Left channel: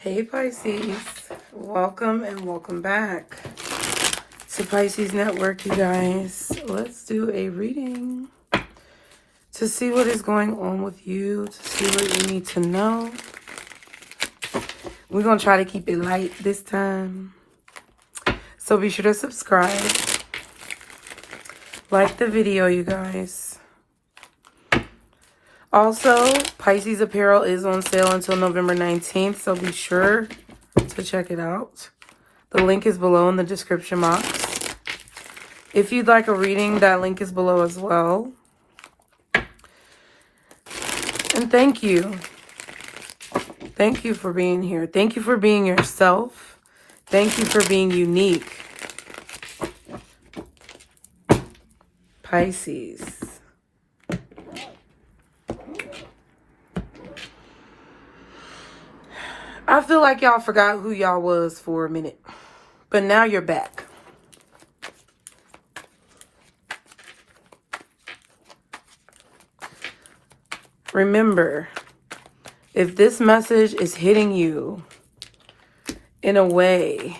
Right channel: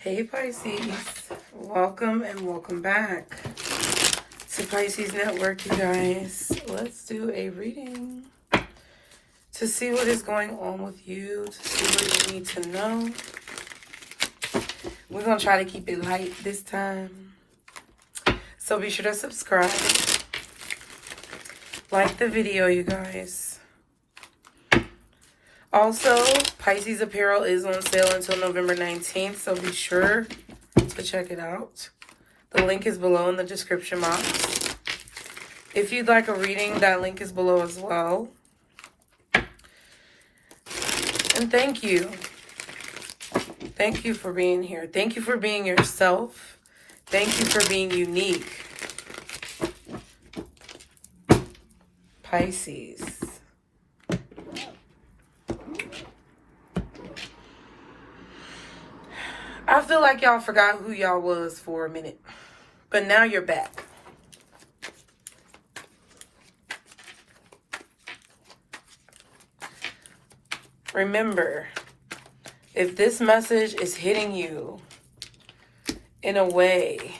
Hey Pisces, welcome and welcome back to Pisces Network, you guys. Let's do a reading to see what is going on with you, to see what you need to know. We're going to try to keep it light this time. So be sure to subscribe. Like the video, you guys. Also, Pisces apparel is on sale until November 19th, so be sure to check it out. The link is below in the description box. If you'd like a reading, that link is below as well. And thank you. Thank you for being here. Thank you for being yourself. Thank you for being unique. Pisces. I feel like y'all forgot who y'all was for a minute, but now you're back. Remember, if this message is hitting you in a way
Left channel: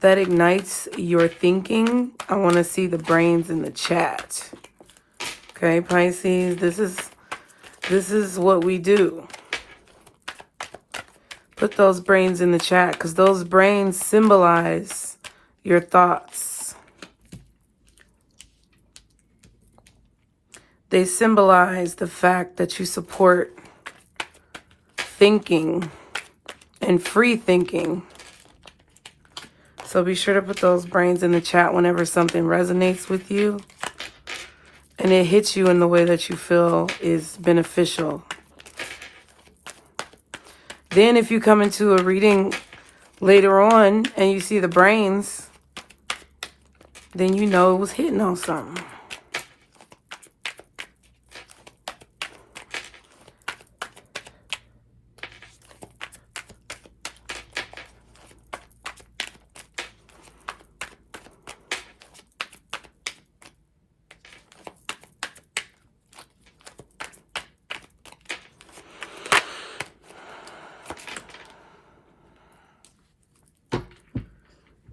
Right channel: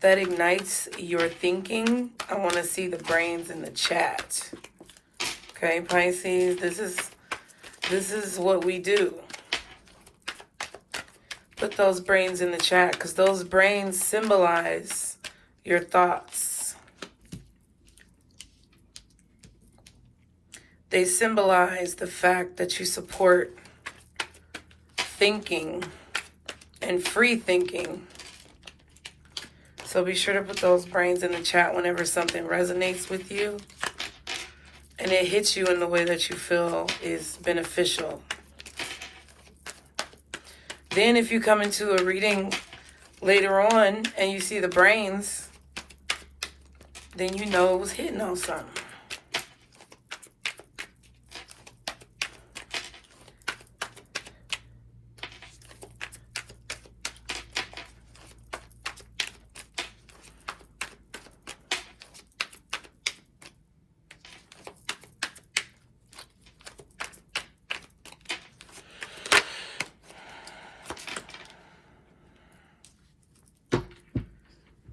that ignites your thinking, I want to see the brains in the chat. Okay, Pisces, this is what we do. Put those brains in the chat because those brains symbolize your thoughts. They symbolize the fact that you support thinking and free thinking. So be sure to put those brains in the chat whenever something resonates with you and it hits you in the way that you feel is beneficial. Then if you come into a reading later on and you see the brains, then you know it was hitting on something.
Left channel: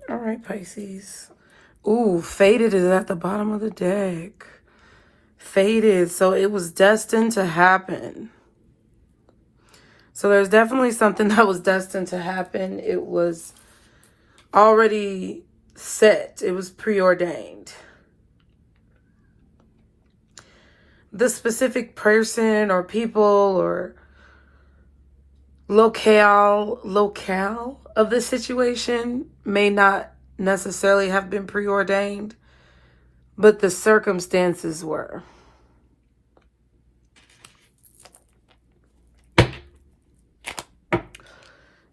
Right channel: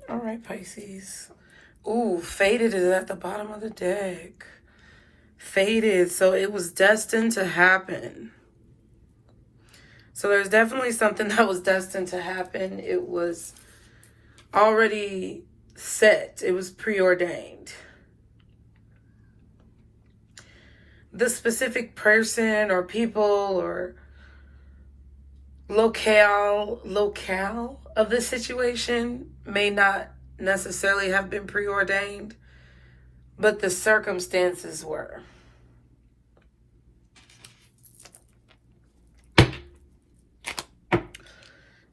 All right, Pisces. Ooh, Fated is at the bottom of the deck. Fated, so it was destined to happen. So there's definitely something that was destined to happen. It was already set. It was preordained. The specific person or people or locale of the situation may not necessarily have been preordained, but the circumstances were.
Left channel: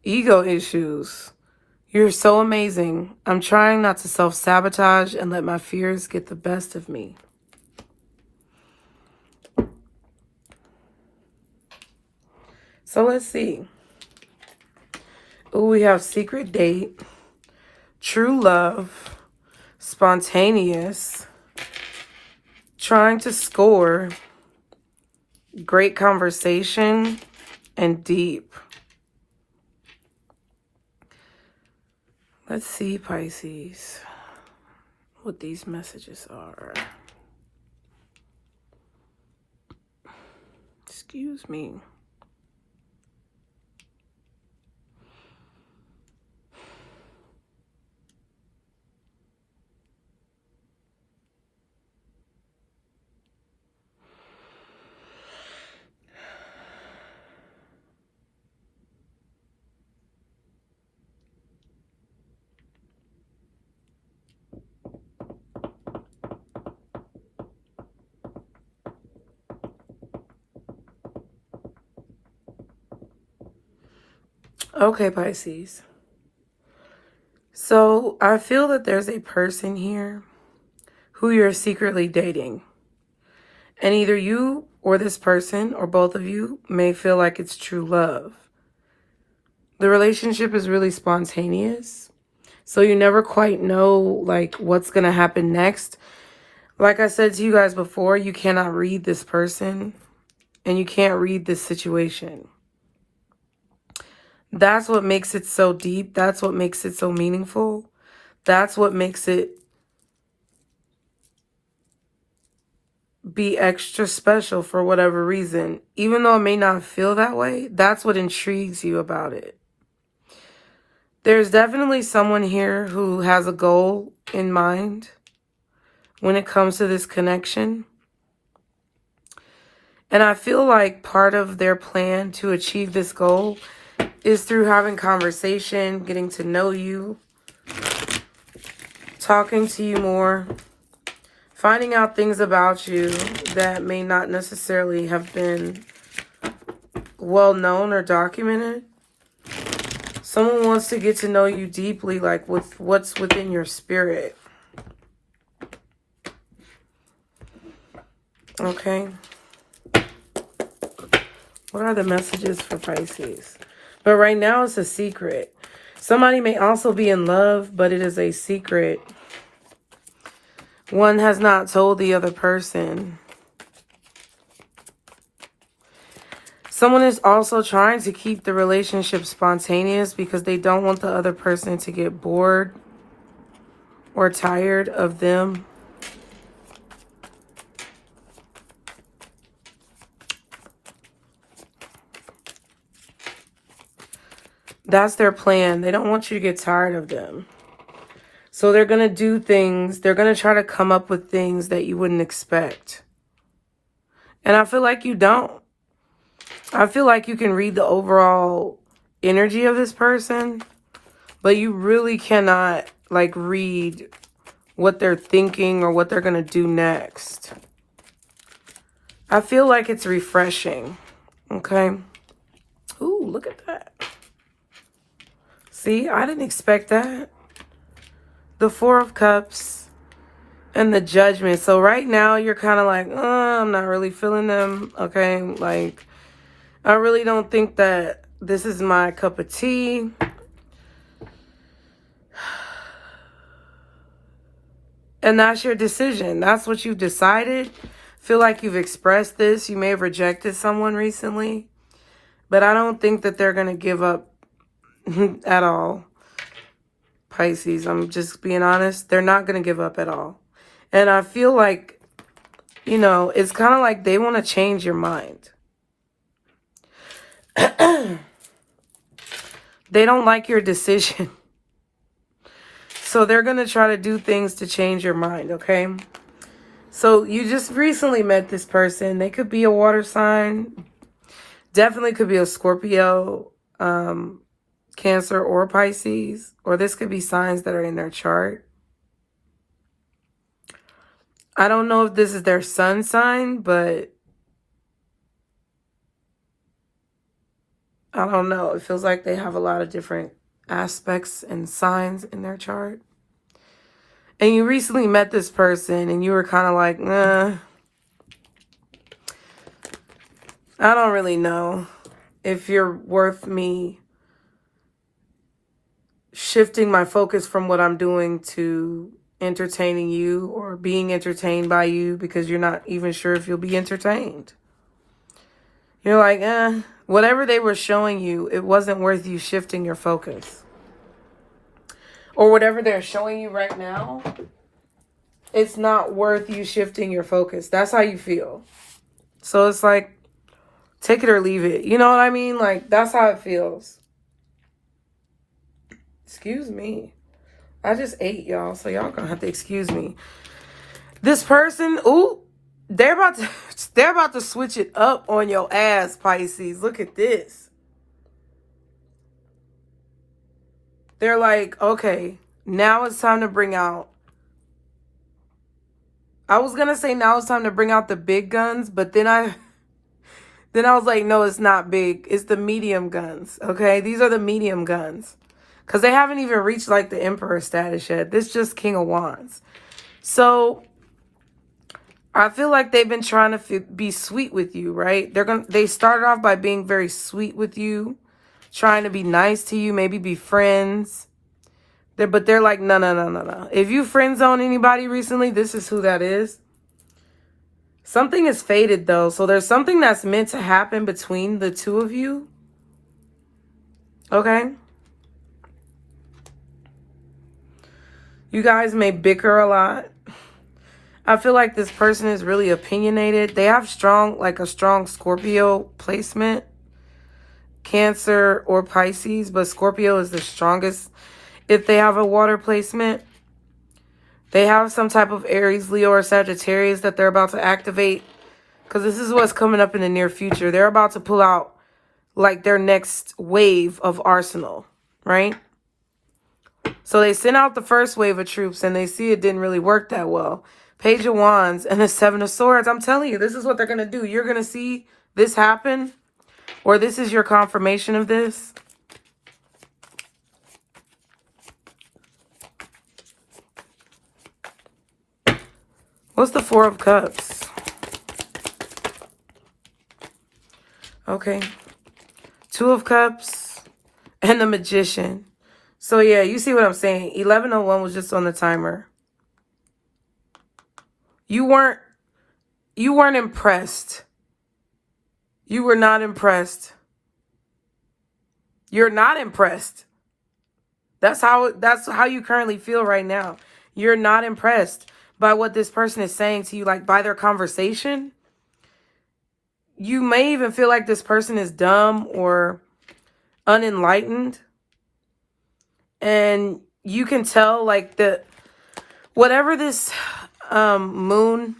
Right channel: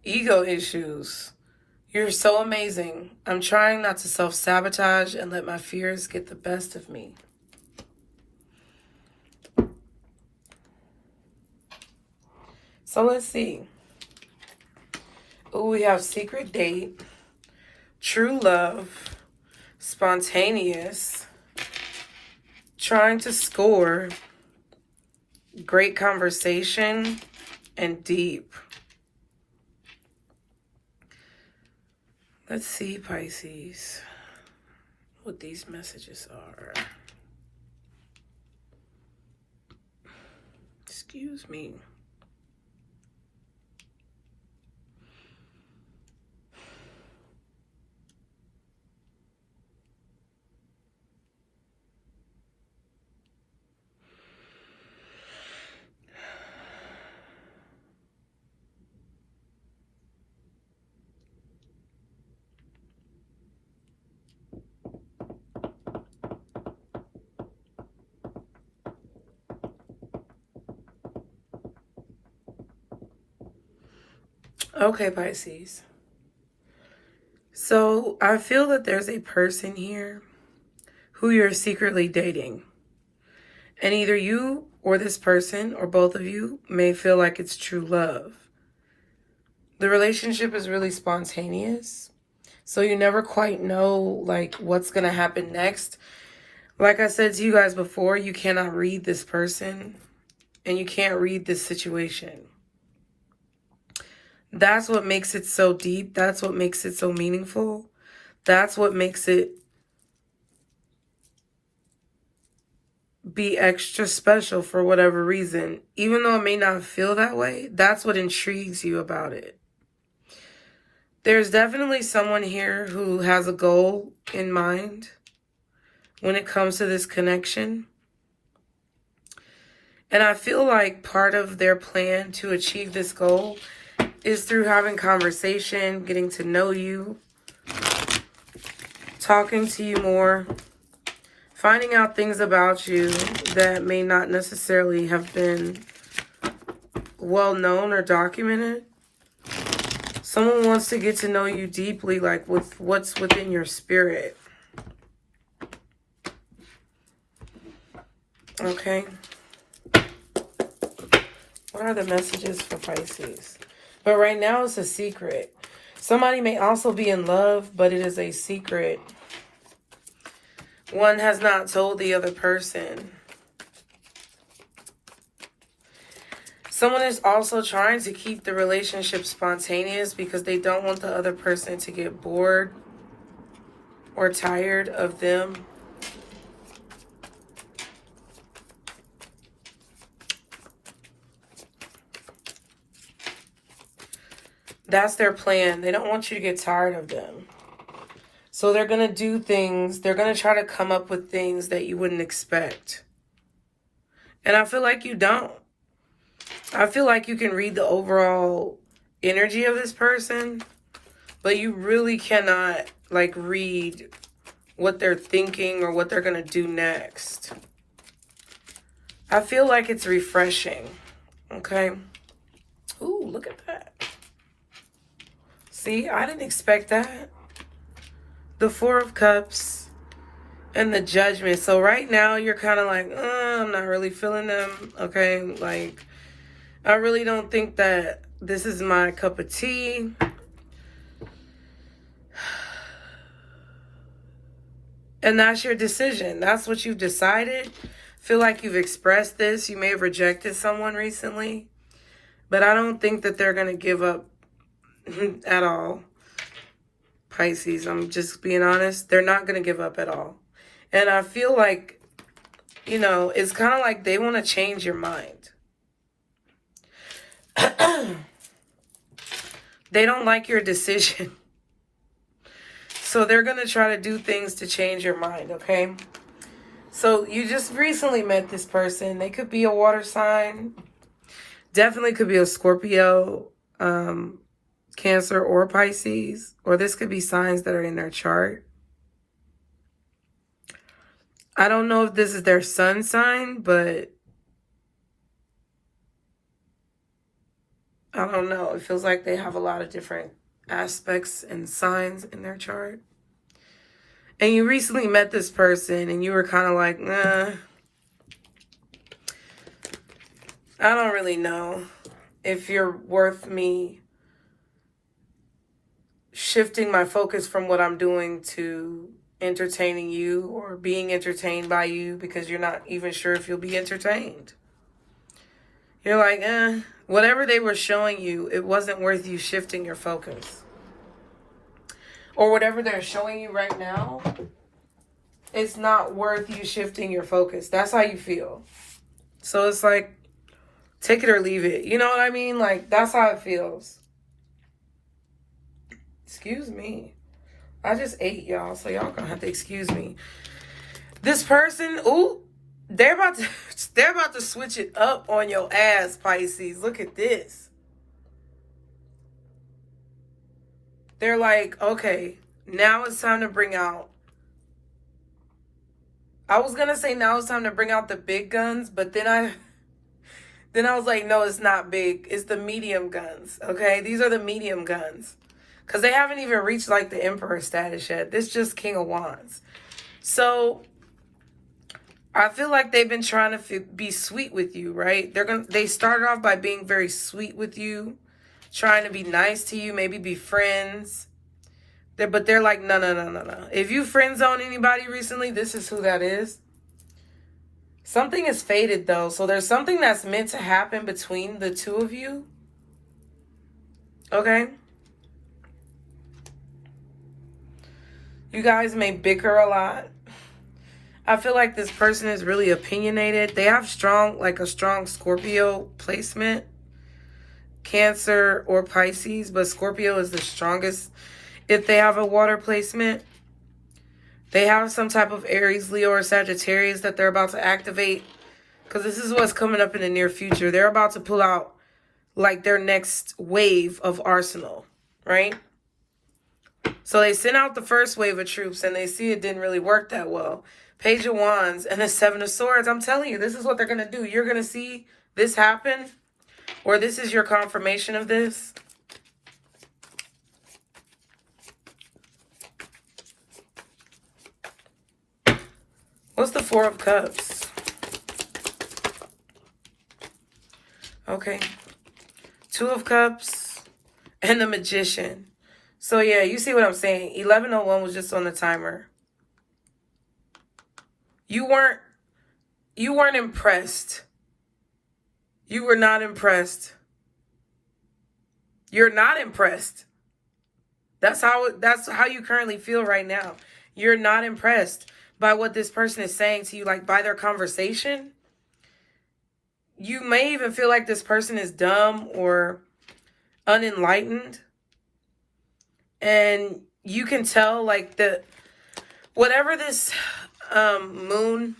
Ego issues. You're so amazing. I'm trying not to self-sabotage and let my fears get the best of me. So let's see. Ooh, we have secret date, true love, spontaneous, trying to score, great conversation, and deep. Let's see, Pisces, what these messages are. Excuse me. Okay, Pisces. So I feel that there's a person here who you're secretly dating. And either you or this person or both of you may feel like it's true love. The relationship is really spontaneous. So you never quite know like what's going to happen next. Like I said to you guys before, you cannot read this person and you can't read this situation. That's what makes it so deep. That's what makes it so meaningful. That's what makes it be extra special for whatever reason. Even though it may not feel that way, that's what intrigues you about it. There's definitely someone here who has a goal in mind when it comes to this connection. And I feel like part of their plan to achieve this goal is through having conversation, getting to know you, talking to you more, finding out things about you that may not necessarily have been well known or documented. Someone wants to get to know you deeply, like with what's within your spirit. Okay. What are the messages for Pisces? But right now it's a secret. Somebody may also be in love, but it is a secret. One has not told the other person. Someone is also trying to keep the relationship spontaneous because they don't want the other person to get bored or tired of them. That's their plan. They don't want you to get tired of them. So they're going to do things. They're going to try to come up with things that you wouldn't expect. And I feel like you don't. I feel like you can read the overall energy of this person, but you really cannot like read what they're thinking or what they're going to do next. I feel like it's refreshing. Okay. Ooh, look at that. See, I didn't expect that. The Four of Cups and the Judgment. So right now you're kind of like, I'm not really feeling them. Okay. Like, I really don't think that this is my cup of tea. And that's your decision. That's what you've decided. Feel like you've expressed this. You may have rejected someone recently. But I don't think that they're going to give up at all. Pisces, I'm just being honest. They're not going to give up at all. And I feel like, you know, it's kind of like they want to change your mind. They don't like your decision. So they're going to try to do things to change your mind, okay? So you just recently met this person. They could be a water sign. Definitely could be a Scorpio, Cancer, or Pisces. Or this could be signs that are in their chart. I don't know if this is their sun sign, but I don't know. It feels like they have a lot of different aspects and signs in their chart. And you recently met this person and you were kind of like, I don't really know if you're worth me shifting my focus from what I'm doing to entertaining you or being entertained by you, because you're not even sure if you'll be entertained. You're like, whatever they were showing you, it wasn't worth you shifting your focus. Or whatever they're showing you right now, it's not worth you shifting your focus. That's how you feel. So it's like, take it or leave it. You know what I mean? Like, that's how it feels. Excuse me. I just ate, y'all, so y'all gonna have to excuse me. This person, they're about to switch it up on your ass, Pisces. Look at this. They're like, okay, now it's time to bring out. I was gonna say now it's time to bring out the big guns, but then I was like, no, it's not big. It's the medium guns. Okay, these are the medium guns. Because they haven't even reached like the Emperor status yet. This is just King of Wands. So I feel like they've been trying to be sweet with you, right? They started off by being very sweet with you, trying to be nice to you, maybe be friends. But they're like, no. If you friend zone anybody recently, this is who that is. Something is fated though. So there's something that's meant to happen between the two of you. Okay? You guys may bicker a lot. I feel like this person is really opinionated. They have a strong Scorpio placement. Cancer or Pisces, but Scorpio is the strongest if they have a water placement. They have some type of Aries, Leo, or Sagittarius that they're about to activate, because this is what's coming up in the near future. They're about to pull out like their next wave of arsenal, right? So they sent out the first wave of troops and they see it didn't really work that well. Page of Wands and the Seven of Swords. I'm telling you, this is what they're going to do. You're going to see this happen, or this is your confirmation of this. What's the Four of Cups? Okay. Two of Cups and the Magician. So yeah, you see what I'm saying. 1101 was just on the timer. You weren't impressed. You were not impressed. You're not impressed. That's how you currently feel right now. You're not impressed by what this person is saying to you, like by their conversation. You may even feel like this person is dumb or unenlightened. And you can tell like whatever this moon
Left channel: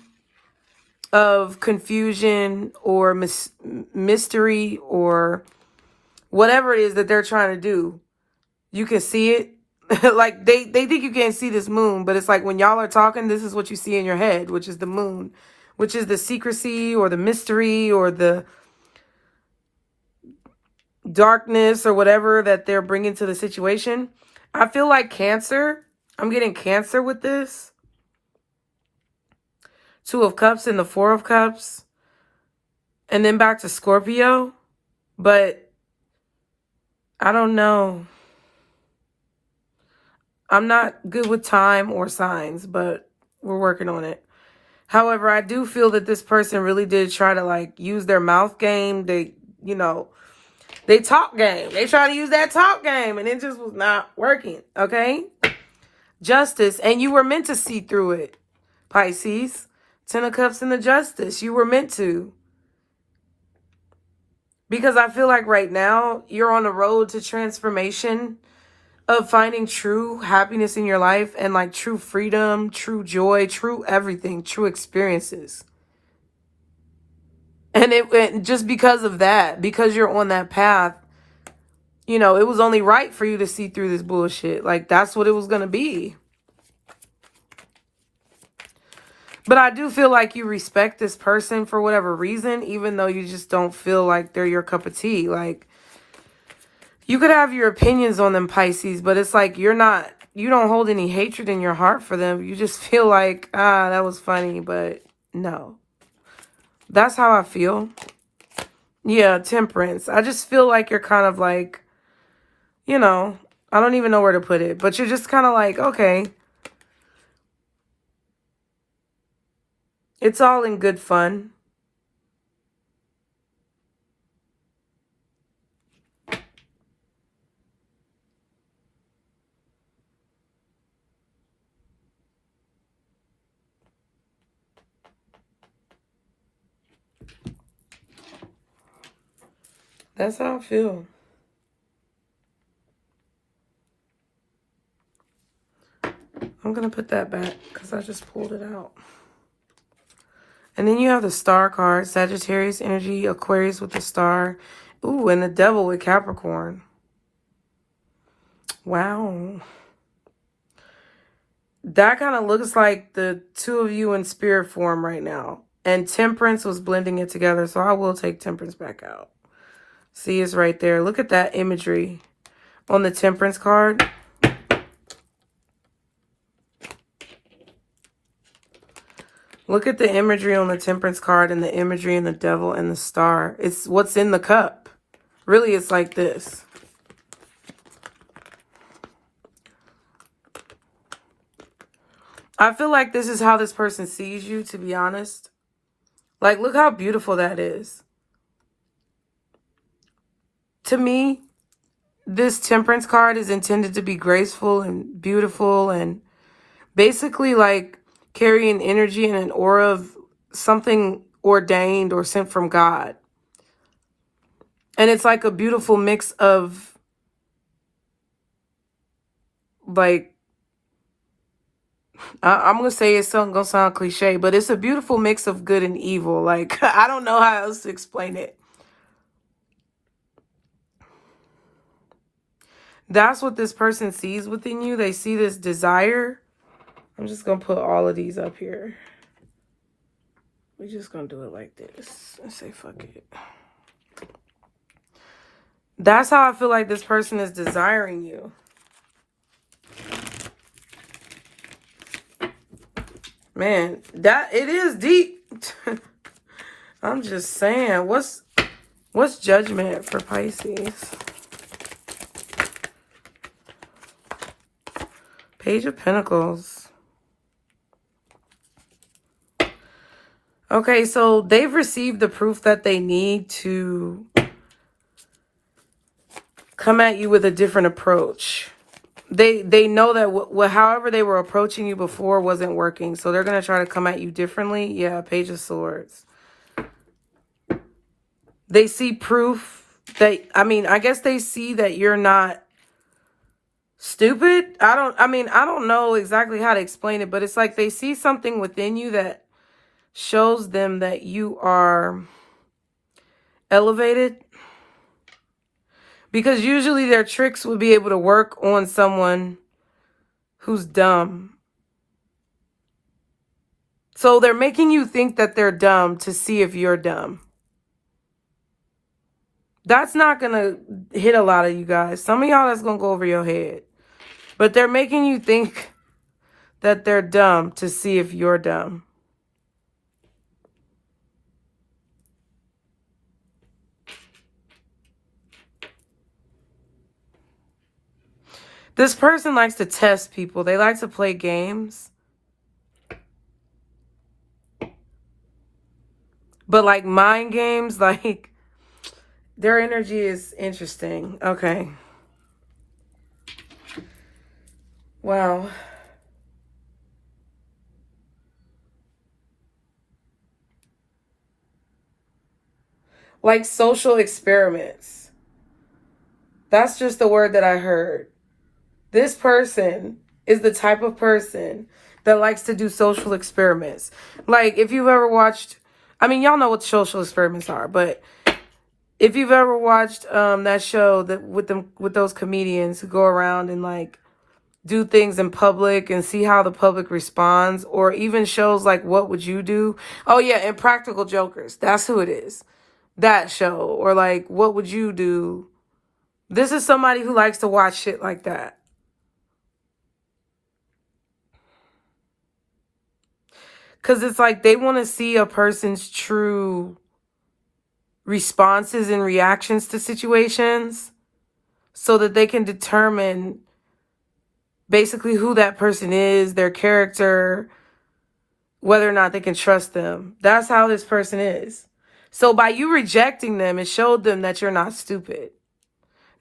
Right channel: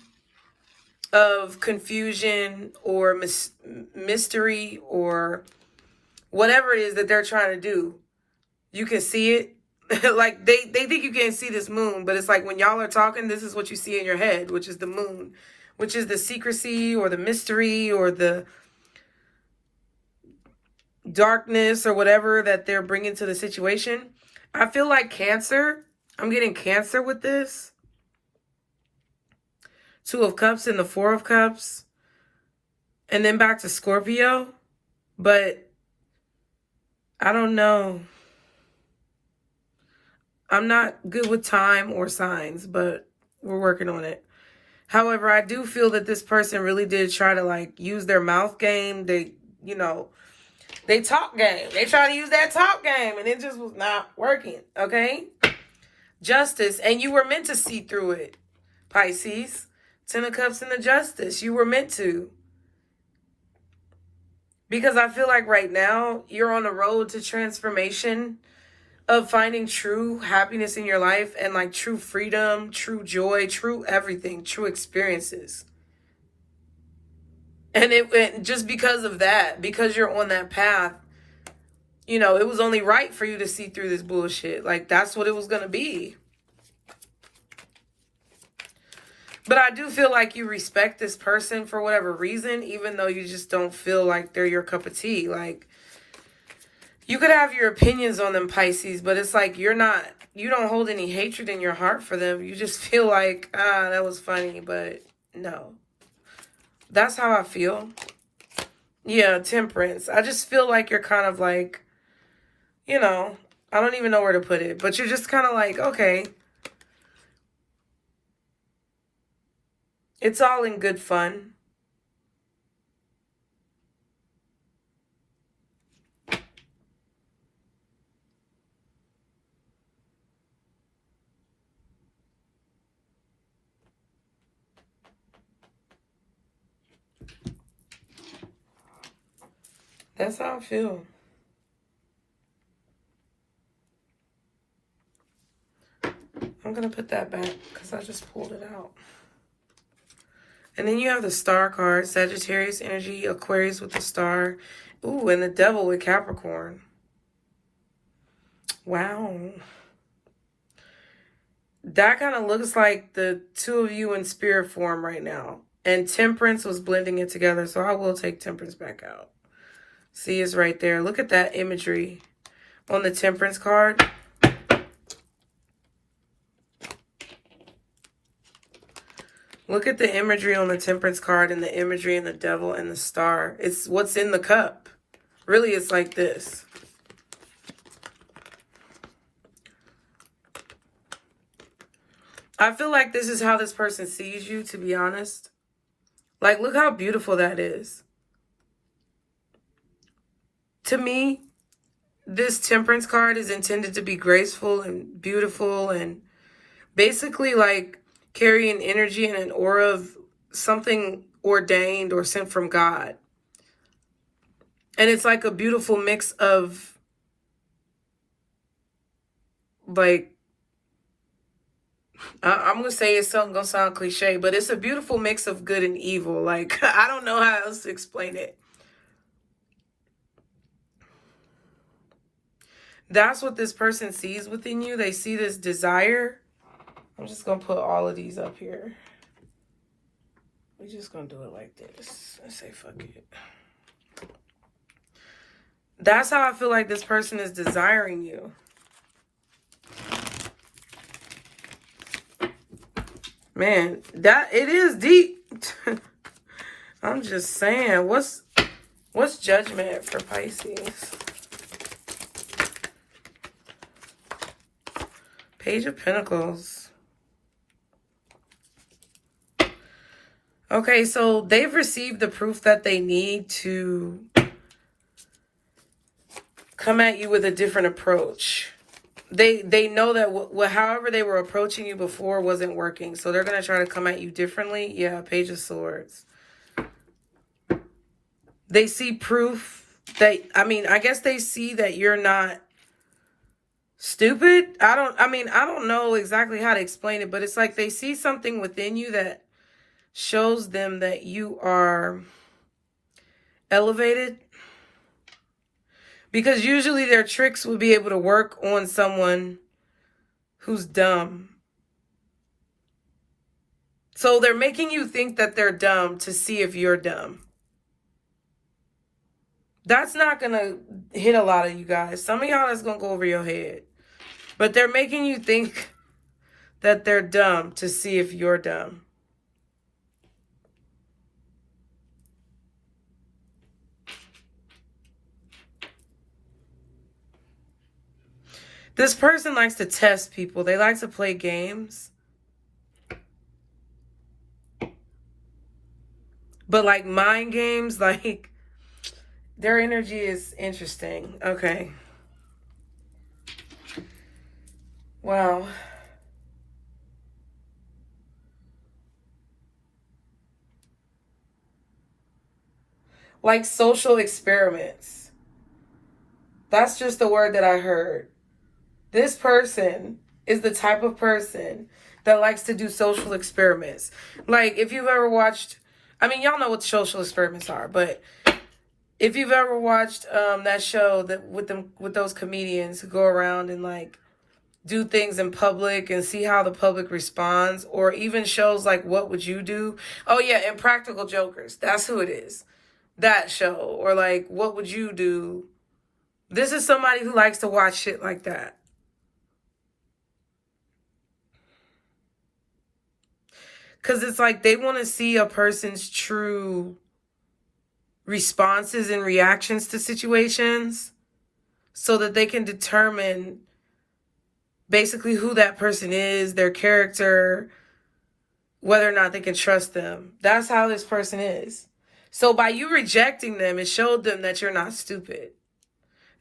of confusion or mystery or whatever it is that they're trying to do, you can see it. Like they think you can't see this moon, but it's like when y'all are talking, this is what you see in your head, which is the moon, which is the secrecy or the mystery or the darkness or whatever that they're bringing to the situation. I feel like Cancer. I'm getting Cancer with this. Two of Cups and the Four of Cups. And then back to Scorpio. But I don't know. I'm not good with time or signs, but we're working on it. However, I do feel that this person really did try to like use their mouth game. They talk game. They try to use that talk game and it just was not working. Okay. Justice. And you were meant to see through it, Pisces. Ten of Cups and the Justice. You were meant to. Because I feel like right now you're on the road to transformation, of finding true happiness in your life and like true freedom, true joy, true everything, true experiences. And it just because of that, because you're on that path, it was only right for you to see through this bullshit. Like that's what it was going to be. But I do feel like you respect this person for whatever reason, even though you just don't feel like they're your cup of tea. Like, you could have your opinions on them, Pisces, but it's like you don't hold any hatred in your heart for them. You just feel like, that was funny, but no. That's how I feel. Yeah, Temperance. I just feel like you're kind of like, I don't even know where to put it, but you're just kind of like, okay. It's all in good fun. That's how I feel. I'm going to put that back because I just pulled it out. And then you have the Star card, Sagittarius energy, Aquarius with the Star. Ooh, and the Devil with Capricorn. Wow. That kind of looks like the two of you in spirit form right now. And Temperance was blending it together, so I will take Temperance back out. See, it's right there. Look at that imagery on the Temperance card. Look at the imagery on the Temperance card and the imagery in the Devil and the Star. It's what's in the cup. Really, it's like this. I feel like this is how this person sees you, to be honest. Like, look how beautiful that is. To me, this Temperance card is intended to be graceful and beautiful and basically like carry an energy and an aura of something ordained or sent from God. And it's like a beautiful mix of like, I'm going to say it's going to sound cliche, but it's a beautiful mix of good and evil. Like, I don't know how else to explain it. That's what this person sees within you. They see this desire. I'm just going to put all of these up here. We're just going to do it like this and say, fuck it. That's how I feel like this person is desiring you. Man, it is deep. I'm just saying, what's judgment for Pisces? Page of Pentacles. Okay, so they've received the proof that they need to come at you with a different approach. They know that however they were approaching you before wasn't working. So they're going to try to come at you differently. Yeah, Page of Swords. They see proof that, I guess they see that you're not stupid. I don't know exactly how to explain it, but it's like they see something within you that shows them that you are elevated. Because usually their tricks would be able to work on someone who's dumb. So they're making you think that they're dumb to see if you're dumb. That's not going to hit a lot of you guys. Some of y'all, that's going to go over your head. But they're making you think that they're dumb to see if you're dumb. This person likes to test people. They like to play games. But like mind games, like their energy is interesting. Okay. Wow. Like social experiments. That's just the word that I heard. This person is the type of person that likes to do social experiments. Like if you've ever watched, y'all know what social experiments are, but if you've ever watched that show that with those comedians who go around and like do things in public and see how the public responds, or even shows like What Would You Do? Oh yeah, and Practical Jokers. That's who it is. That show, or like What Would You Do? This is somebody who likes to watch shit like that. Because it's like they want to see a person's true responses and reactions to situations so that they can determine basically who that person is, their character, whether or not they can trust them. That's how this person is. So by you rejecting them, it showed them that you're not stupid.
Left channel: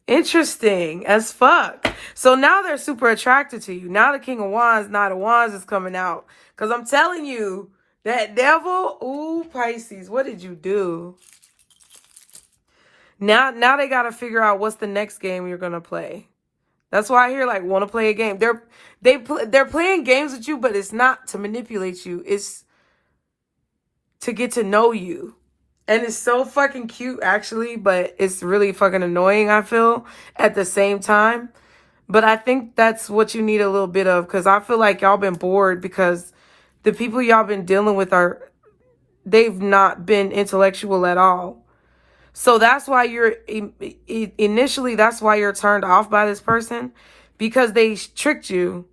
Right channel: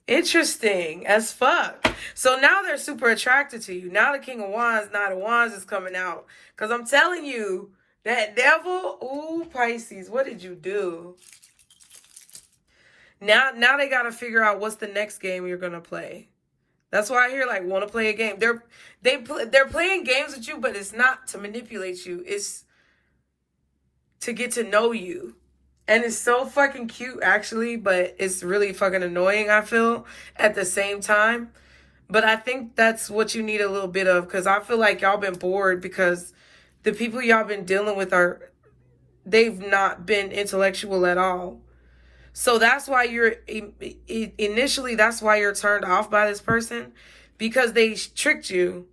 Interesting as fuck. So now they're super attracted to you. Now the King of Wands, Knight of Wands is coming out. Because I'm telling you, that devil, ooh, Pisces, what did you do? Now they got to figure out what's the next game you're going to play. That's why I hear like want to play a game. They're playing games with you, but it's not to manipulate you. It's to get to know you. And it's so fucking cute, actually, but it's really fucking annoying, I feel, at the same time. But I think that's what you need a little bit of, because I feel like y'all been bored because the people y'all been dealing with they've not been intellectual at all. So that's why initially, that's why you're turned off by this person, because they tricked you.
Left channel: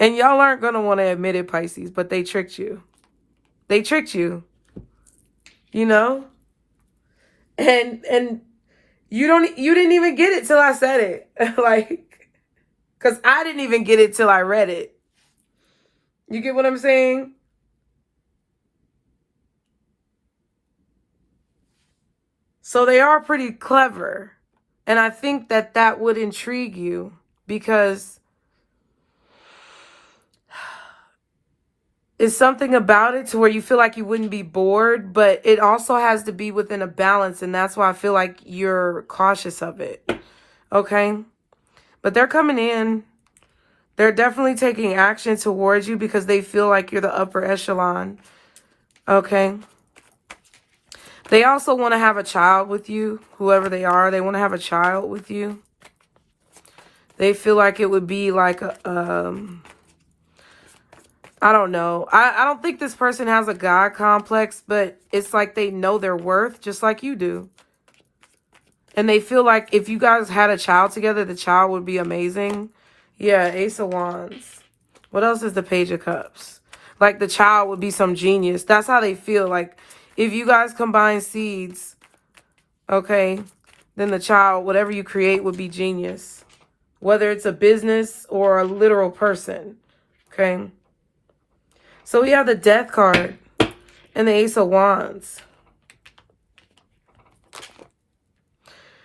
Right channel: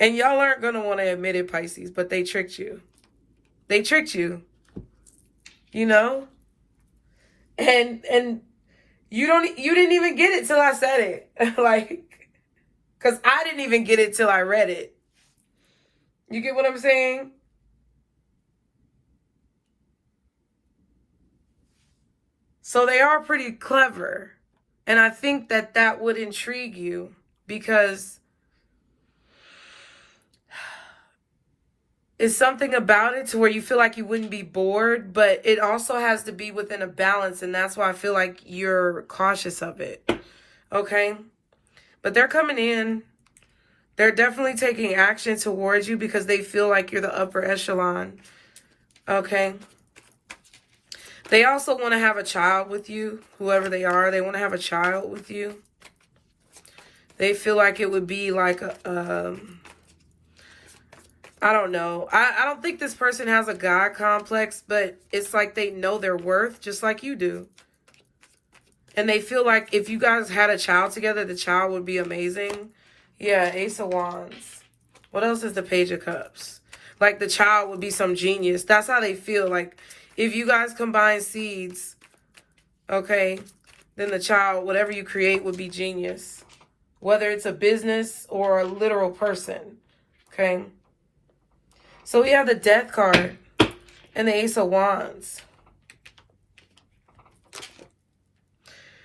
And y'all aren't going to want to admit it, Pisces, but they tricked you. They tricked you, you know? And you didn't even get it till I said it. Like, because I didn't even get it till I read it. You get what I'm saying? So they are pretty clever. And I think that that would intrigue you because it's something about it to where you feel like you wouldn't be bored, but it also has to be within a balance. And that's why I feel like you're cautious of it. Okay? But they're coming in. They're definitely taking action towards you because they feel like you're the upper echelon. Okay? They also want to have a child with you, whoever they are. They want to have a child with you. They feel like it would be like a, I don't know. I don't think this person has a God complex, but it's like they know their worth just like you do. And they feel like if you guys had a child together, the child would be amazing. Yeah, Ace of Wands. What else is the Page of Cups? Like the child would be some genius. That's how they feel. Like if you guys combine seeds, okay, then the child, whatever you create, would be genius. Whether it's a business or a literal person, okay? So we have the Death card and the Ace of Wands.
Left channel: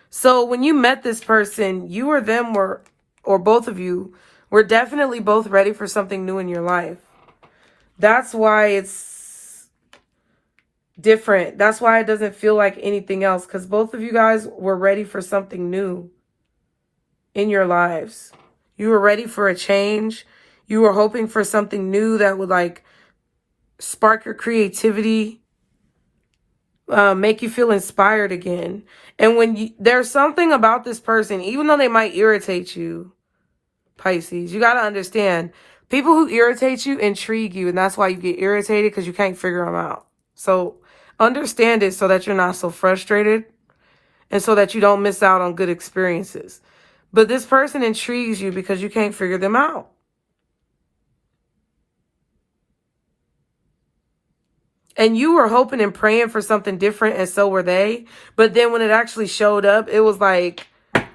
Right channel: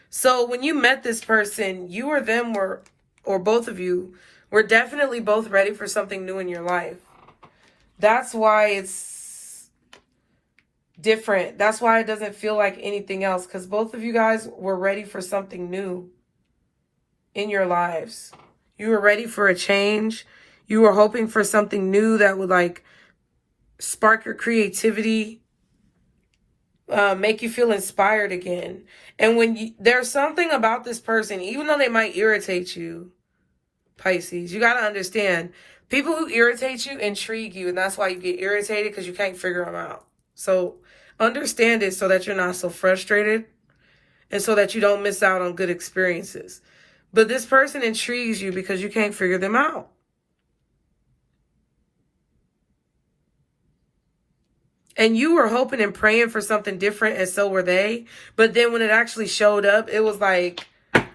So when you met this person, you or them were, or both of you, were definitely both ready for something new in your life. That's why it's different. That's why it doesn't feel like anything else, because both of you guys were ready for something new in your lives. You were ready for a change. You were hoping for something new that would like spark your creativity, make you feel inspired again. And when you, there's something about this person, even though they might irritate you, Pisces, you got to understand, people who irritate you intrigue you, and that's why you get irritated, because you can't figure them out. So understand it so that you're not so frustrated and so that you don't miss out on good experiences. But this person intrigues you because you can't figure them out. And you were hoping and praying for something different, and so were they. But then when it actually showed up, it was like,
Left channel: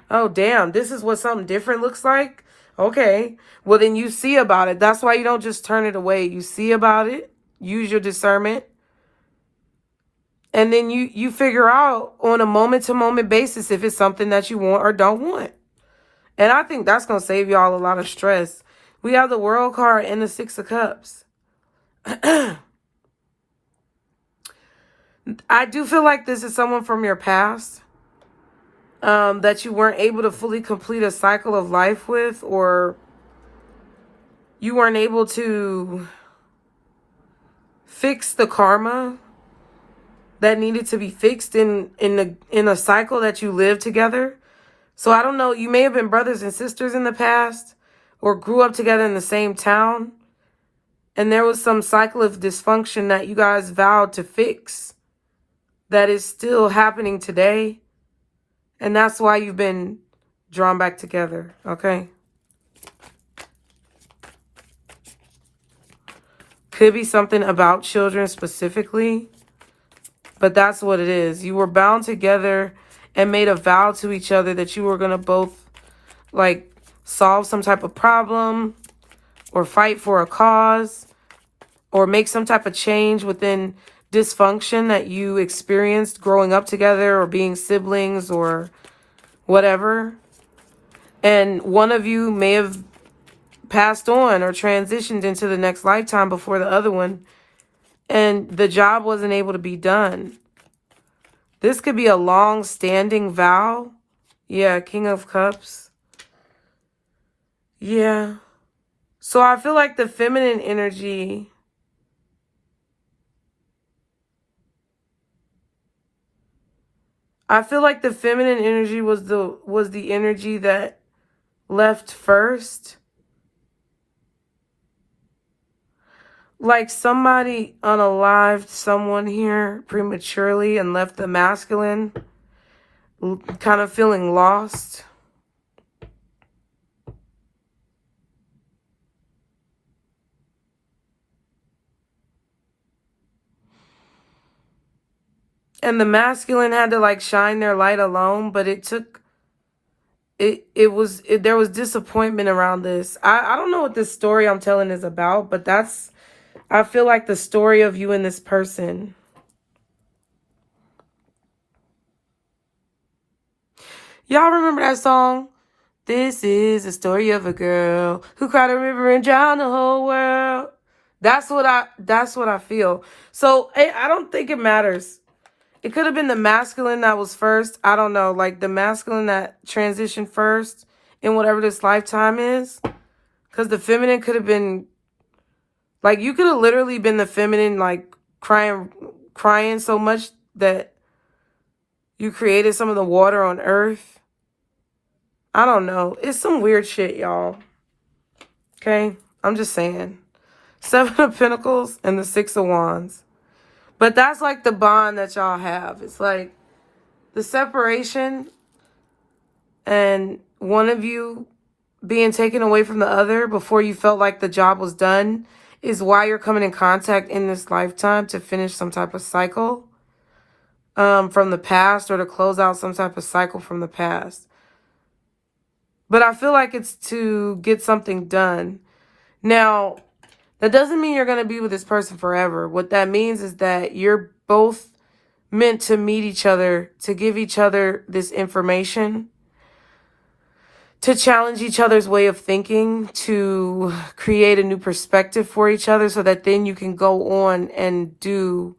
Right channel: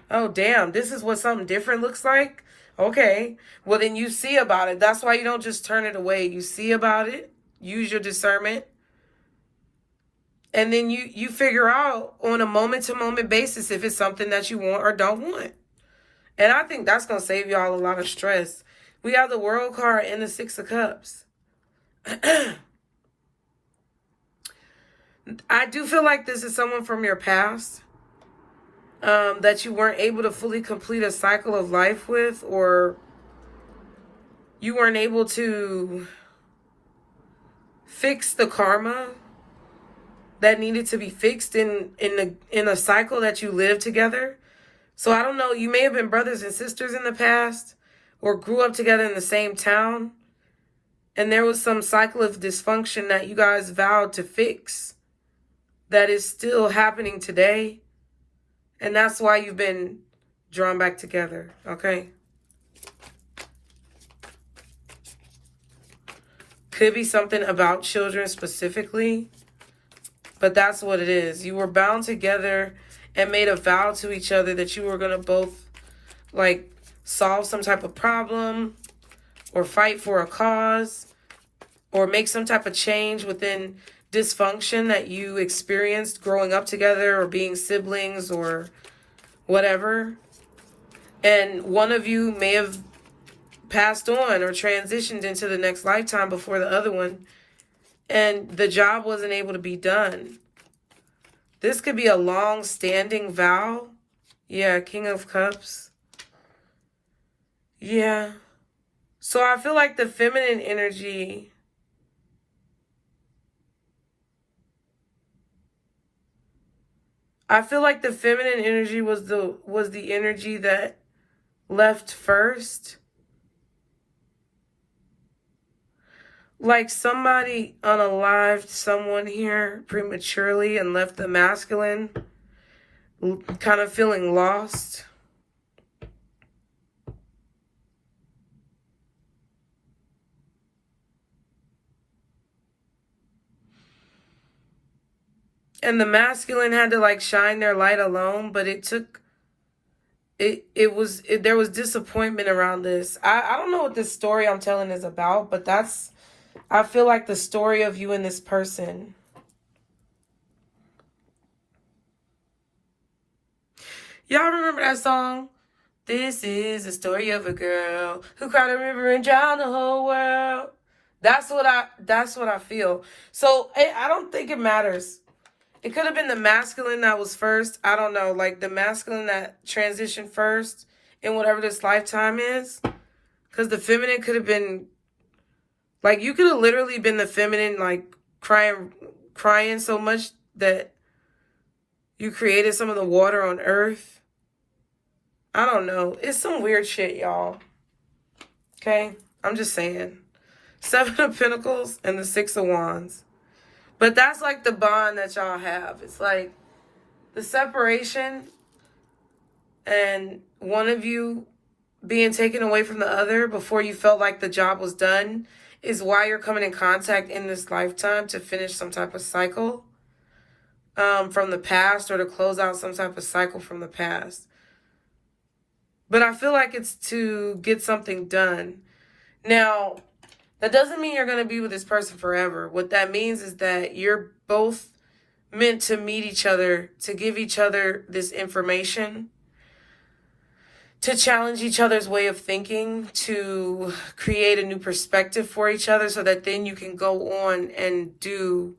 oh, damn, this is what something different looks like? Okay. Well, then you see about it. That's why you don't just turn it away. You see about it. Use your discernment. And then you figure out on a moment-to-moment basis if it's something that you want or don't want. And I think that's going to save y'all a lot of stress. We have the World card and the Six of Cups. I do feel like this is someone from your past that you weren't able to fully complete a cycle of life with, or you weren't able to fix the karma that needed to be fixed in a cycle that you lived together. So I don't know, you may have been brothers and sisters in the past or grew up together in the same town, and there was some cycle of dysfunction that you guys vowed to fix that is still happening today. And that's why you've been drawn back together, okay? Could be something about children specifically, but that's what it is. You were bound together and made a vow to each other that you were going to both, like, solve some type of problem or fight for a cause or make some type of change within dysfunction that you experienced growing up together or being siblings or whatever. And one of you may have passed on or transitioned into the next lifetime before the other one, and the job wasn't able to be done. This could be a long-standing vow. Yeah, King of Cups. Yeah. So I feel like the feminine energy, was the energy that left first. Like somebody unalived someone here prematurely and left the masculine kind of feeling lost. And the masculine had to like shine their light alone, but there was disappointment around this. I don't know what this story I'm telling is about, but I feel like the story of you and this person. Y'all remember that song? This is the story of a girl who cried a river and drowned the whole world. That's what I feel. So I don't think it matters. It could have been the masculine that was first. I don't know. Like the masculine that transitioned first in whatever this lifetime is. Because the feminine could have been, like, you could have literally been the feminine, like, crying so much that you created some of the water on earth. I don't know. It's some weird shit, y'all. Okay? I'm just saying. 7 of Pentacles and the 6 of Wands. But that's like the bond that y'all have. It's like the separation and one of you being taken away from the other before you felt like the job was done is why you're coming in contact in this lifetime to finish some type of cycle from the past, or to close out some type of cycle from the past. But I feel like it's to get something done. Now, it doesn't mean you're going to be with this person forever. What that means is that you're both meant to meet each other, to give each other this information, to challenge each other's way of thinking, to create a new perspective for each other so that then you can go on and do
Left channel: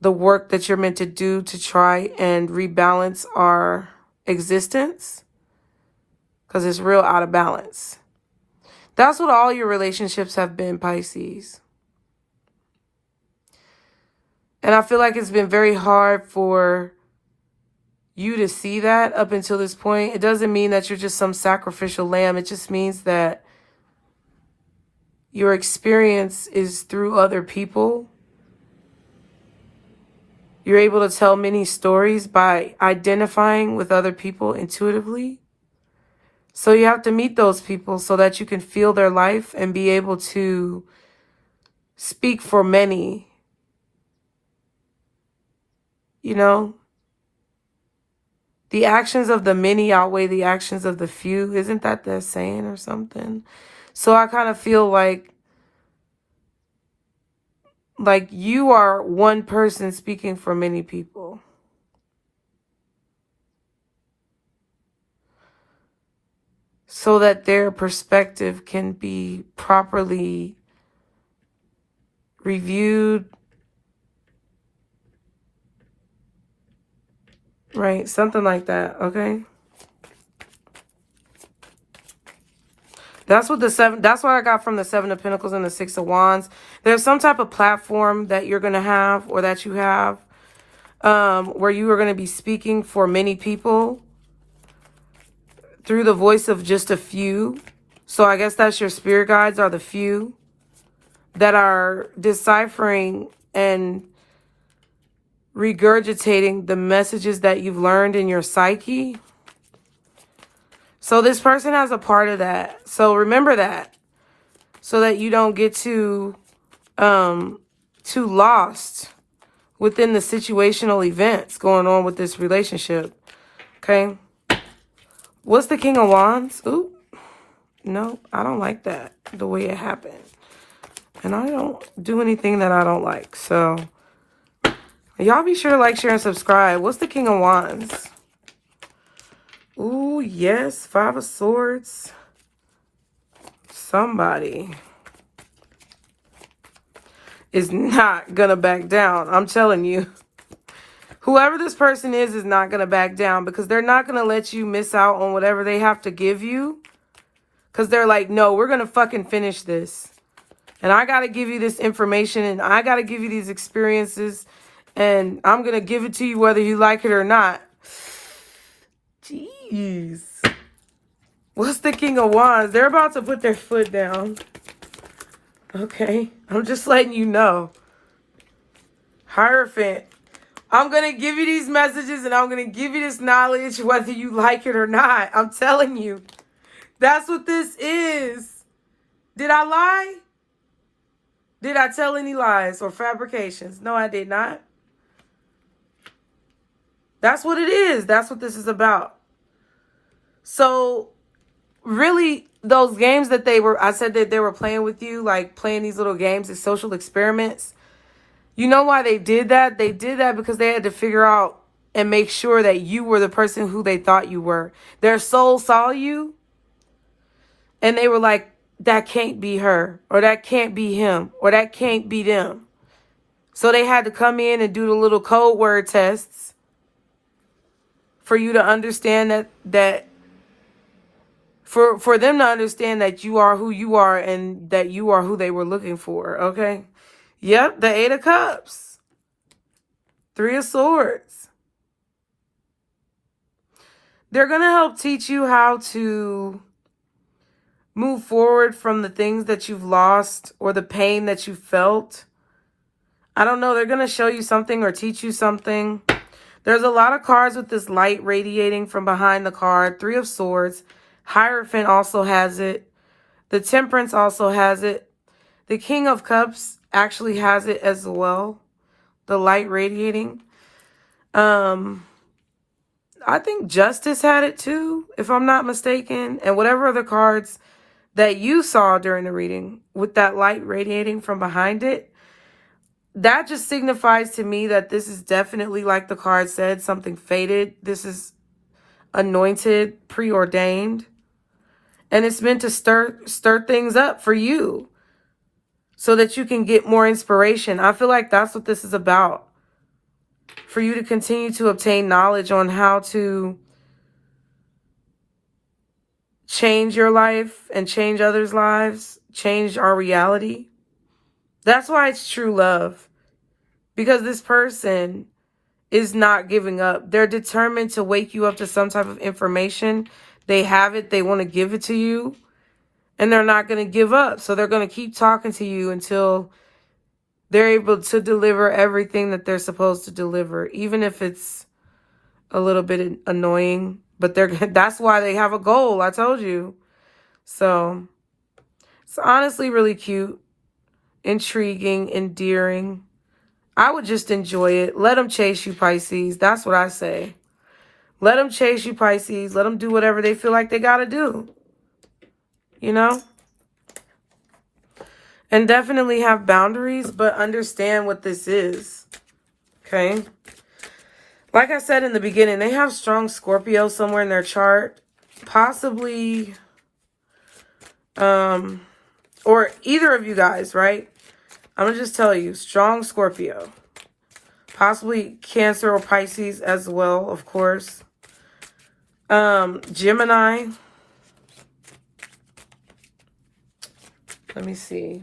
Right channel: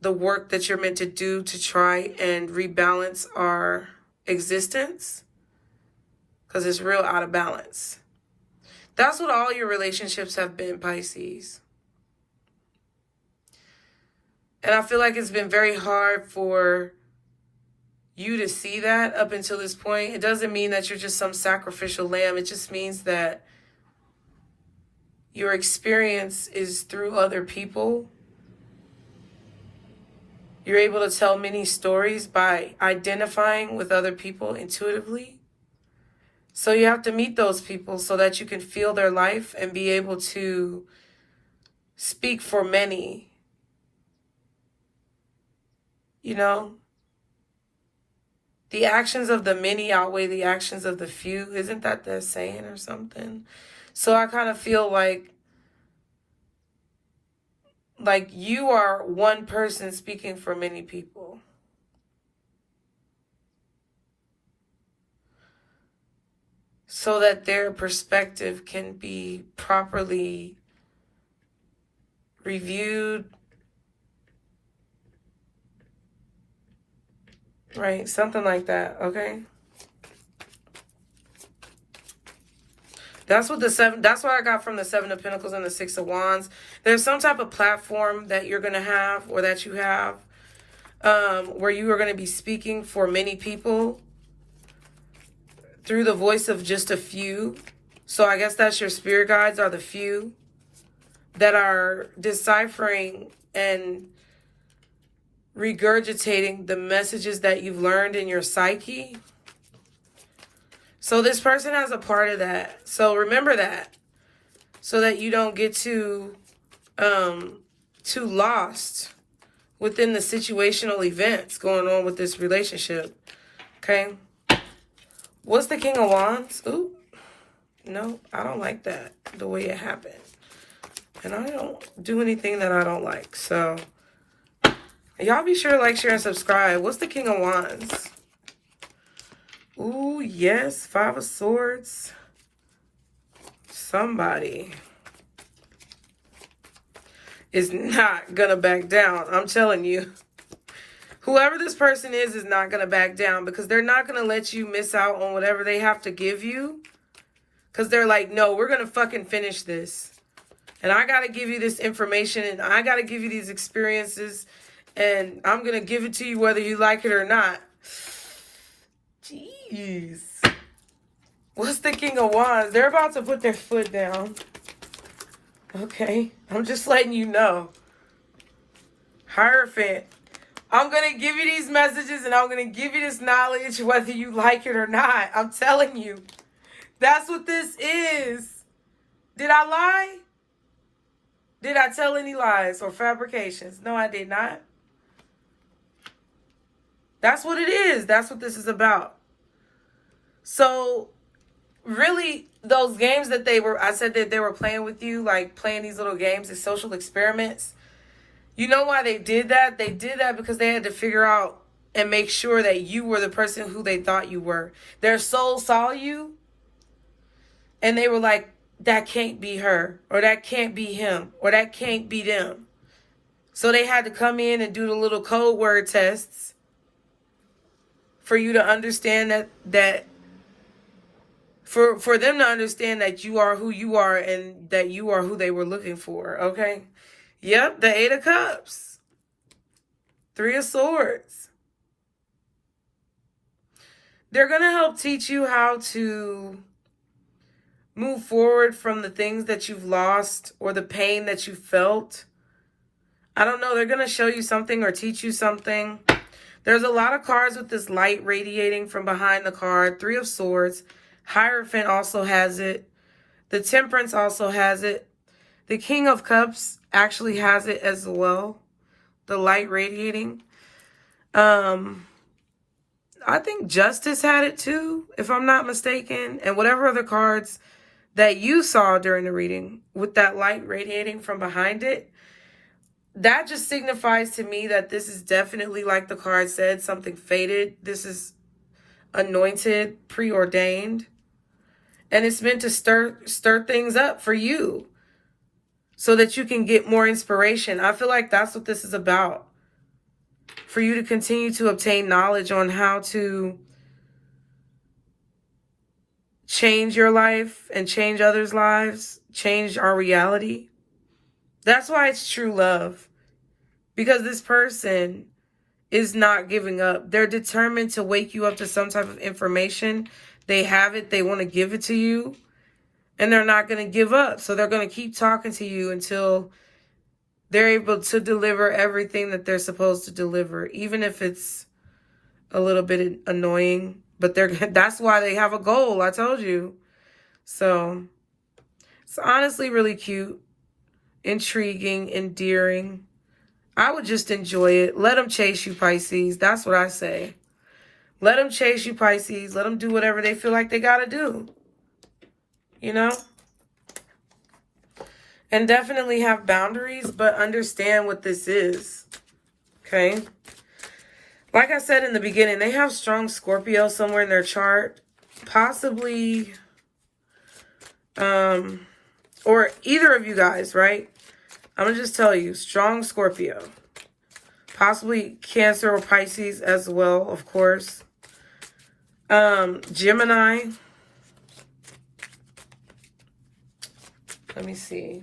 the work that you're meant to do to try and rebalance our existence, because it's real out of balance. That's what all your relationships have been, Pisces. And I feel like it's been very hard for you to see that up until this point. It doesn't mean that you're just some sacrificial lamb. It just means that your experience is through other people. You're able to tell many stories by identifying with other people intuitively. So you have to meet those people so that you can feel their life and be able to speak for many. You know? The actions of the many outweigh the actions of the few. Isn't that the saying or something? So I kind of feel like you are one person speaking for many people. So that their perspective can be properly reviewed. Right? Something like that, okay? That's what I got from the 7 of Pentacles and the 6 of Wands. There's some type of platform that you're going to have, or that you have, where you are going to be speaking for many people through the voice of just a few. So I guess that's your spirit guides, are the few that are deciphering and regurgitating the messages that you've learned in your psyche. So this person has a part of that. So remember that, so that you don't get too lost within the situational events going on with this relationship. Okay. What's the King of Wands? Ooh. No, I don't like that, the way it happened. And I don't do anything that I don't like. So y'all be sure to like, share, and subscribe. What's the King of Wands? Ooh, yes. 5 of Swords. Somebody is not going to back down. I'm telling you. Whoever this person is not going to back down, because they're not going to let you miss out on whatever they have to give you. Because they're like, no, we're going to fucking finish this. And I got to give you this information, and I got to give you these experiences, and I'm going to give it to you whether you like it or not. Jeez. What's the King of Wands? They're about to put their foot down. Okay. I'm just letting you know. Hierophant. I'm going to give you these messages, and I'm going to give you this knowledge whether you like it or not. I'm telling you. That's what this is. Did I lie? Did I tell any lies or fabrications? No, I did not. That's what it is. That's what this is about. So, really, those games that I said that they were playing with you, like playing these little games as social experiments. You know why they did that? They did that because they had to figure out and make sure that you were the person who they thought you were. Their soul saw you and they were like, that can't be her, or that can't be him, or that can't be them. So they had to come in and do the little code word tests for you to understand that for them to understand that you are who you are and that you are who they were looking for, okay? Yep, the 8 of Cups. 3 of Swords. They're going to help teach you how to move forward from the things that you've lost or the pain that you felt. I don't know. They're going to show you something or teach you something. There's a lot of cards with this light radiating from behind the card. 3 of Swords. Hierophant also has it. The Temperance also has it. The King of Cups actually has it as well. The light radiating. I think Justice had it too, if I'm not mistaken. And whatever other cards that you saw during the reading with that light radiating from behind it, that just signifies to me that this is definitely, like the card said, something fated. This is anointed, preordained. And it's meant to stir things up for you so that you can get more inspiration. I feel like that's what this is about. For you to continue to obtain knowledge on how to change your life and change others' lives, change our reality. That's why it's true love. Because this person is not giving up. They're determined to wake you up to some type of information. They have it. They want to give it to you. And they're not going to give up. So they're going to keep talking to you until they're able to deliver everything that they're supposed to deliver. Even if it's a little bit annoying. But that's why they have a goal. I told you. So it's honestly really cute. Intriguing. Endearing. I would just enjoy it. Let them chase you, Pisces. That's what I say. Let them chase you, Pisces. Let them do whatever they feel like they got to do. You know? And definitely have boundaries, but understand what this is. Okay? Like I said in the beginning, they have strong Scorpio somewhere in their chart. Possibly, or either of you guys, right? I'm going to just tell you, strong Scorpio. Possibly Cancer or Pisces as well, of course. Gemini. Let me see.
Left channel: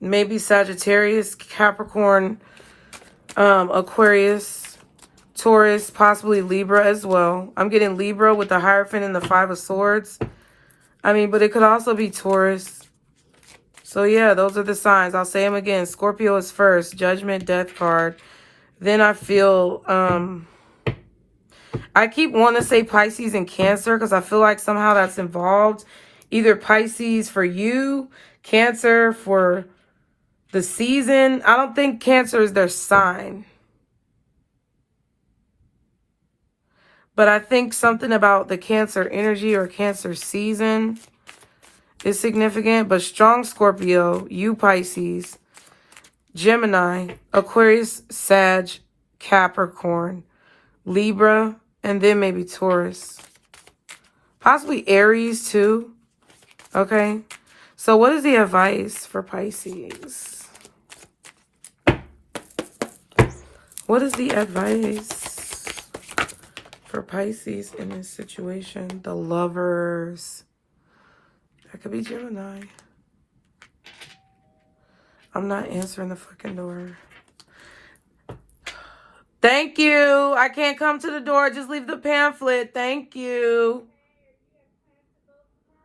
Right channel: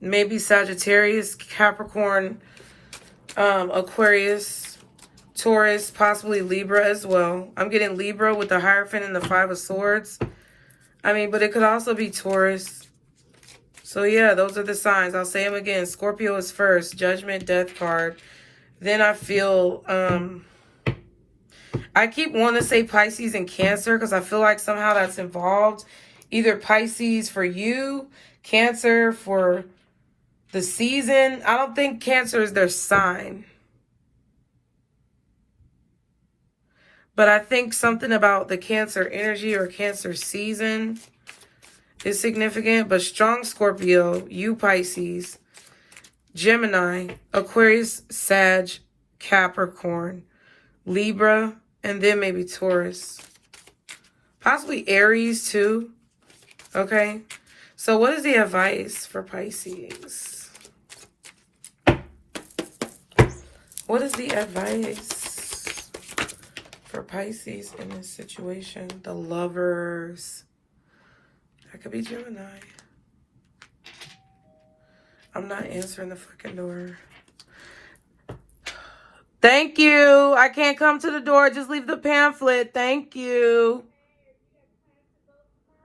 Maybe Sagittarius, Capricorn, Aquarius, Taurus, possibly Libra as well. I'm getting Libra with the Hierophant and the 5 of Swords. I mean, but it could also be Taurus. So, yeah, those are the signs. I'll say them again. Scorpio is first. Judgment, Death card. Then I feel, I keep wanting to say Pisces and Cancer because I feel like somehow that's involved. Either Pisces for you, Cancer for the season. I don't think Cancer is their sign. But I think something about the Cancer energy or Cancer season is significant. But strong Scorpio, you Pisces, Gemini, Aquarius, Sag, Capricorn, Libra, and then maybe Taurus. Possibly Aries too. Okay. So what is the advice for Pisces? What is the advice for Pisces in this situation? The Lovers. That could be Gemini. I'm not answering the fucking door. Thank you. I can't come to the door. Just leave the pamphlet. Thank you.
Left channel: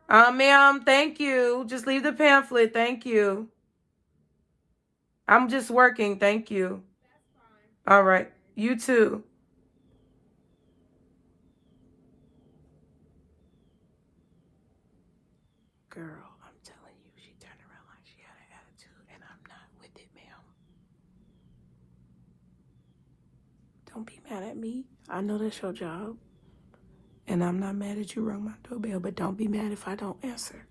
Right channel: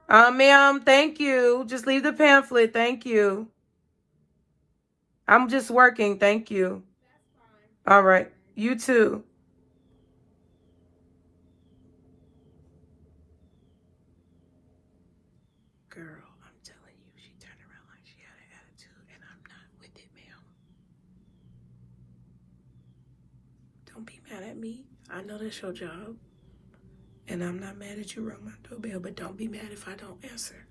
Ma'am, thank you. Just leave the pamphlet. Thank you. I'm just working. Thank you. All right. You too. Girl, I'm telling you, she turned around like she had an attitude, and I'm not with it, ma'am. Don't be mad at me. I know that's your job. And I'm not mad at you rung my doorbell, but don't be mad if I don't answer.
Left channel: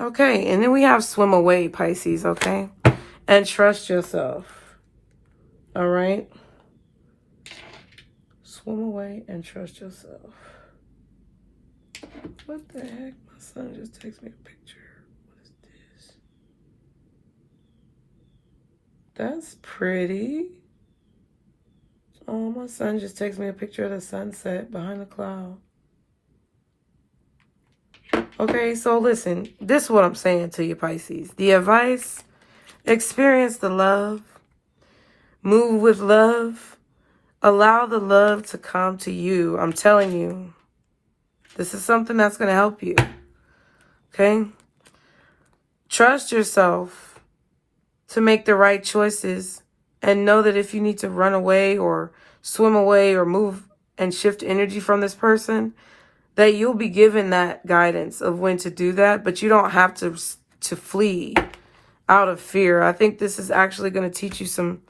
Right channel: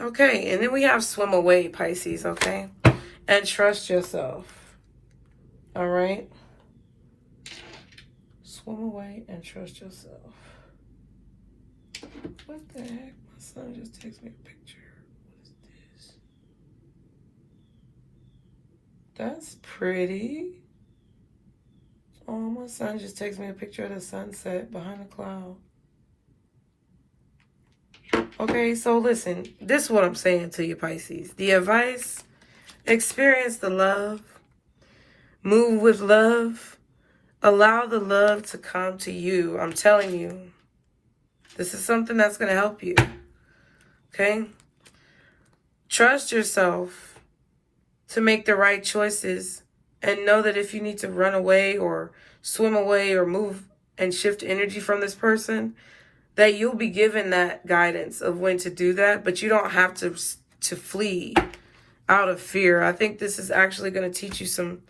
Okay, and then we have swim away, Pisces, okay? And trust yourself. All right? Swim away and trust yourself. What the heck? My son just texted me a picture. What is this? That's pretty. Oh, my son just texted me a picture of the sunset behind the cloud. Okay, so listen. This is what I'm saying to you, Pisces. The advice: experience the love. Move with love. Allow the love to come to you. I'm telling you. This is something that's going to help you. Okay? Trust yourself to make the right choices, and know that if you need to run away or swim away or move and shift energy from this person, that you'll be given that guidance of when to do that, but you don't have to flee out of fear. I think this is actually going to teach you some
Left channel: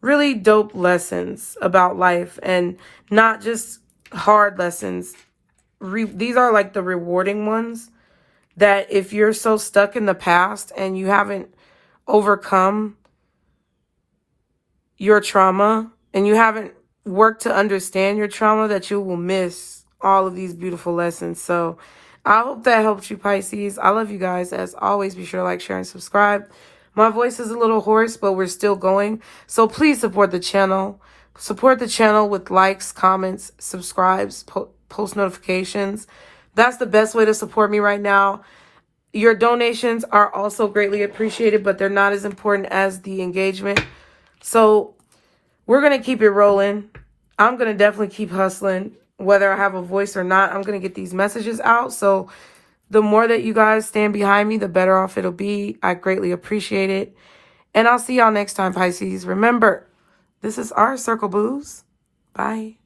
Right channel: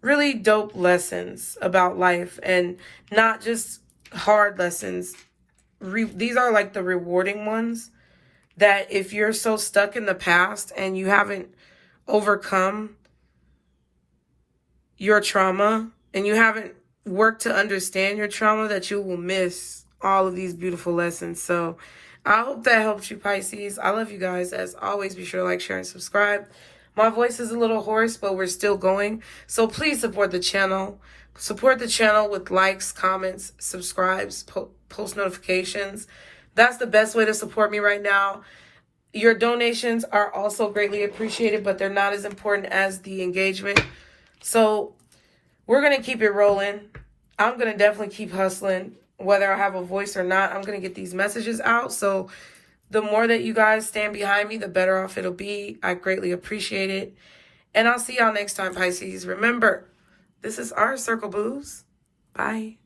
really dope lessons about life, and not just hard lessons. These are like the rewarding ones, that if you're so stuck in the past and you haven't overcome your trauma and you haven't worked to understand your trauma, that you will miss all of these beautiful lessons. So I hope that helps you, Pisces. I love you guys. As always, be sure to like, share, and subscribe. My voice is a little hoarse, but we're still going. So please support the channel. Support the channel with likes, comments, subscribes, post notifications. That's the best way to support me right now. Your donations are also greatly appreciated, but they're not as important as the engagement. So we're going to keep it rolling. I'm going to definitely keep hustling. Whether I have a voice or not, I'm going to get these messages out. So the more that you guys stand behind me, the better off it'll be. I greatly appreciate it. And I'll see y'all next time, Pisces. Remember, this is our Circle Booze. Bye.